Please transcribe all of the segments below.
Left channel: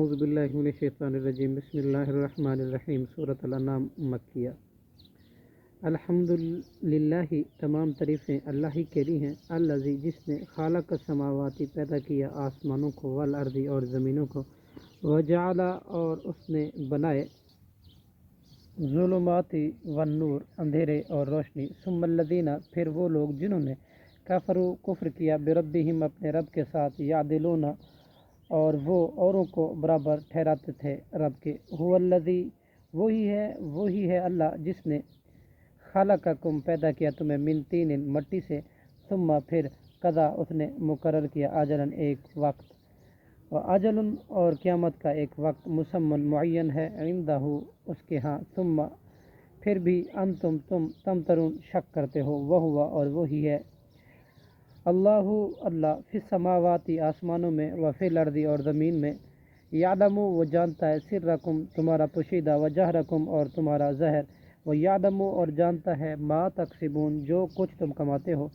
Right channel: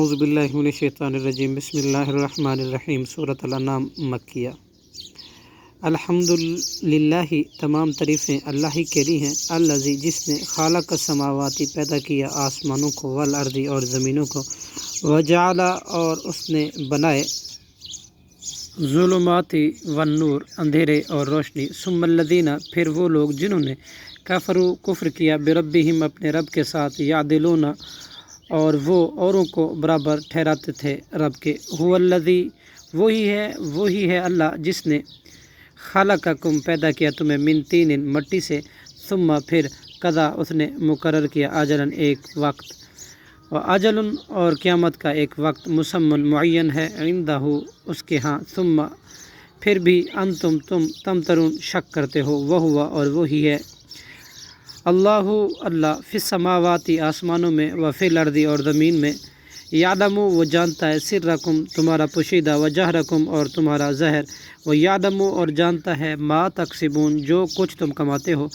اعوذ باللہ من الشیطان الرجیم بسم اللہ الرحمن الرحیم سورۃ الانعام مکیہ۔ الحمدللہ تمام تعریفیں اللہ ہی کے لیے ہیں، الذی جس نے خالق السماواتی پیدا کیا آسمانوں کو، والارض اور زمینوں کو، وجعل اور اس نے بنائے ظلمات والنور اندھیرے اور روشنی، ثم الذین پھر وہ لوگ جنہوں نے کفروا کفر کیا بربہم اپنے رب کے ساتھ، یعدلون اور وہ اوروں کو برابر ٹھہراتے تھے رب کے، هو الذی وہی ہے اللہ جس نے خلقکم پیدا کیا تمہیں من طین مٹی سے، ثم پھر قضا اس نے مقرر کیا اجلاً ایک وقت، و اجل اور قیامت کا ایک وقت مسمی معین ہے، عندہ اس کے ہاں، ثم پھر بھی انتم تم تمترون شک کرتے ہو، وہو اور وہی ہے اللہ فی السماوات آسمانوں میں، و فی الارض اور زمین میں، یعلم وہ جانتا ہے سرکم تمہارا پوشیدہ، و جہرکم اور تمہارا ظاہر، و یعلم اور جانتا ہے ما تکسبون جو کچھ تم کماتے ہو،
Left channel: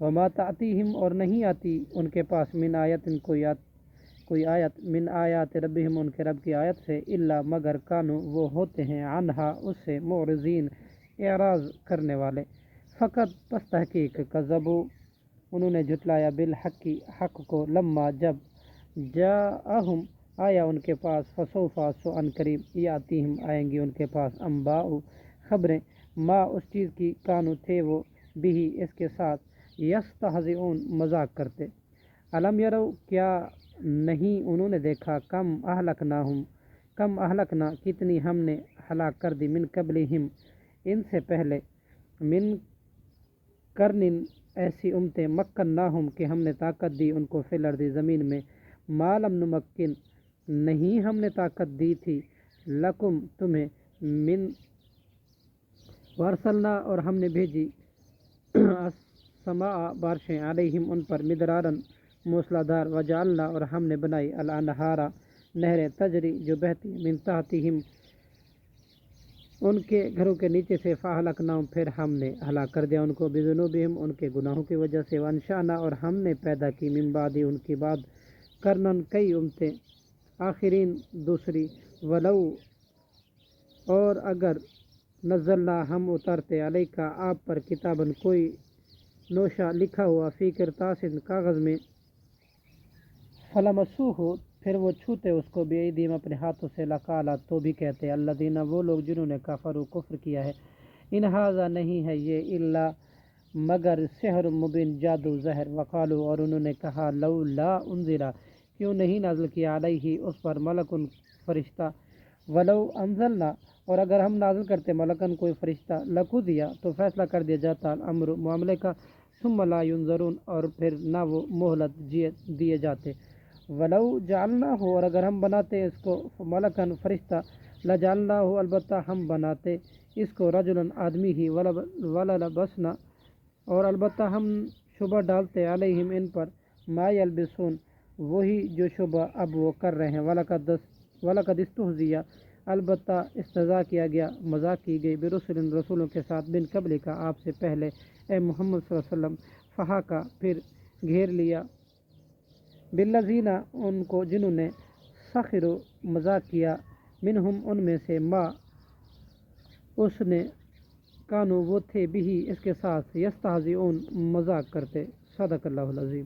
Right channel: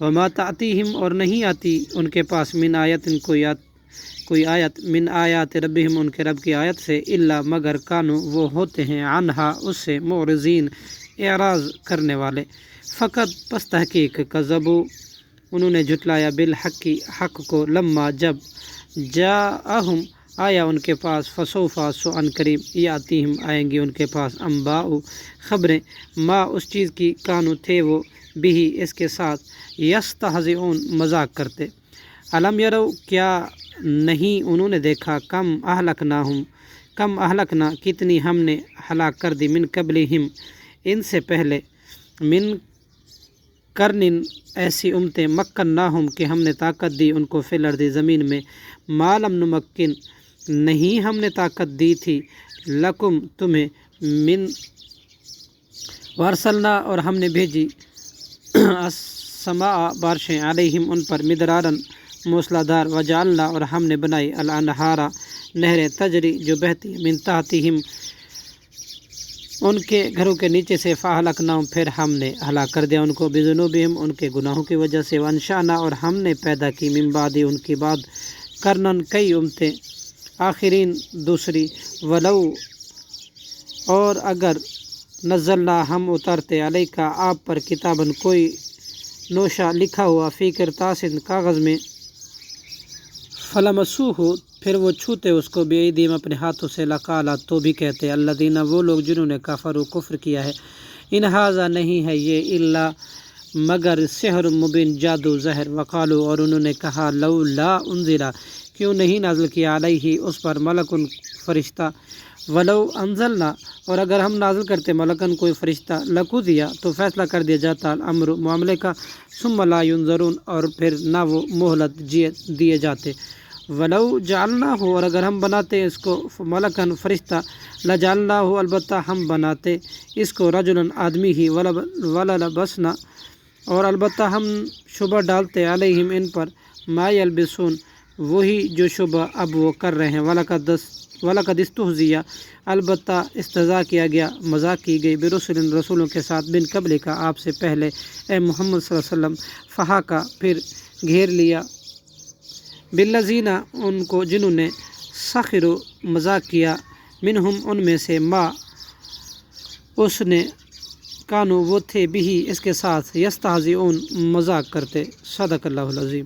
وما تأتیہم اور نہیں آتی ان کے پاس من آیت کوئی آیت من آیات ربہم ان کے رب کی آیت سے، الا مگر کانوا وہ ہوتے ہیں عنہا اس سے معرضین اعراض کرنے والے، فقط پس تحقیق کذبوا انہوں نے جھٹلایا بالحق حق کو، لما جب جاءہم آیا ان کے پاس، فسوف سو ان قریب یاتیہم آئیں گی ان کے پاس، انباء خبریں، ما اس چیز کی کانوا تھے وہ بھی اس کے ساتھ، یستہزئون مذاق کرتے، الم یرو کیا نہیں انہوں نے دیکھا، کم اہلکنا کتنی ہم نے ہلاک کر دی، من قبلہم ان سے پہلے، من قرن ایسی امتیں، مکناہم کہ ہم نے طاقت دی ان کو، فی الارض زمین میں، ما لم نمکن نہیں ہم نے طاقت دی تھی، لکم تمہیں، من وارسلنا اور ہم نے بھیجی، السماء بارشیں، علیہم ان پر، مدرارا موسلا دھار، وجعلنا اور ہم نے بنائی، الانہارا نہریں، تجری جو بہتی، من تحتہم ان کے گھروں کے نیچے سے، فاہلکناہم پھر ہم نے ہلاک کر دیا ان کو، بذنوبہم ان کے گناہوں کی وجہ سے، وانشأنا اور ہم نے پیدا کی، من بعد ان کی بعد، قرنن کئی امتیں، آخرین دوسری، ولو اور اگر نزلنا ہم اتارتے علیکا آپ پر، کتابن کوئی نوشہ لکھا ہوا، فی کرطاس کاغذ میں، فلمسوہ پھر وہ چھوتے اس کو، بایدیہم اپنے ہاتھوں سے، لقالا تو بھی کہتے، الذین وہ لوگ جنہوں نے کفروا کفر کیا ہے، ان ھذا نہیں ہے یہ، الا مگر سحر مبین جادو ظاہر، وقالوا اور انہوں نے کہا، لولا انزل کیوں نہیں نازل کیا علیہ اس پر، ملکن فرشتہ، ولو انزلنا اور اگر ہم نازل کرتے ملکن کوئی فرشتہ، لقضی تو فیصلہ کر دیا جاتا الامر معاملے کا، ثم لا ینظرون اور پھر نہ وہ مہلت دیے جاتے، ولو جعلناہ اور اگر ہم بناتے اس کو ملکن فرشتہ، لجعلناہ البتہ ہم بناتے اس کو، رجلا آدمی ہی، وللبسنا اور البتہ ہم شبہ ڈالتے، علیہم ان پر، ما یلبسون وہی جو شبہ اب وہ کر رہے ہیں، وَلَقَدِ اسْتُہْزِئَ البتہ استہزاء کیا گیا، مذاق کی گئی، برسل رسولوں کے ساتھ، من قبل کا آپ سے پہلے، اے محمد صلی اللہ علیہ وسلم، فحاقہ پھر گھیر لیا، بالذین ان کو جنہوں نے، سخروا مذاق کیا، منہم ان میں سے، ما اس نے، کانوا وہ تھے، بھی اس کے ساتھ، یستہزئون مذاق کرتے، صدق اللہ العظیم۔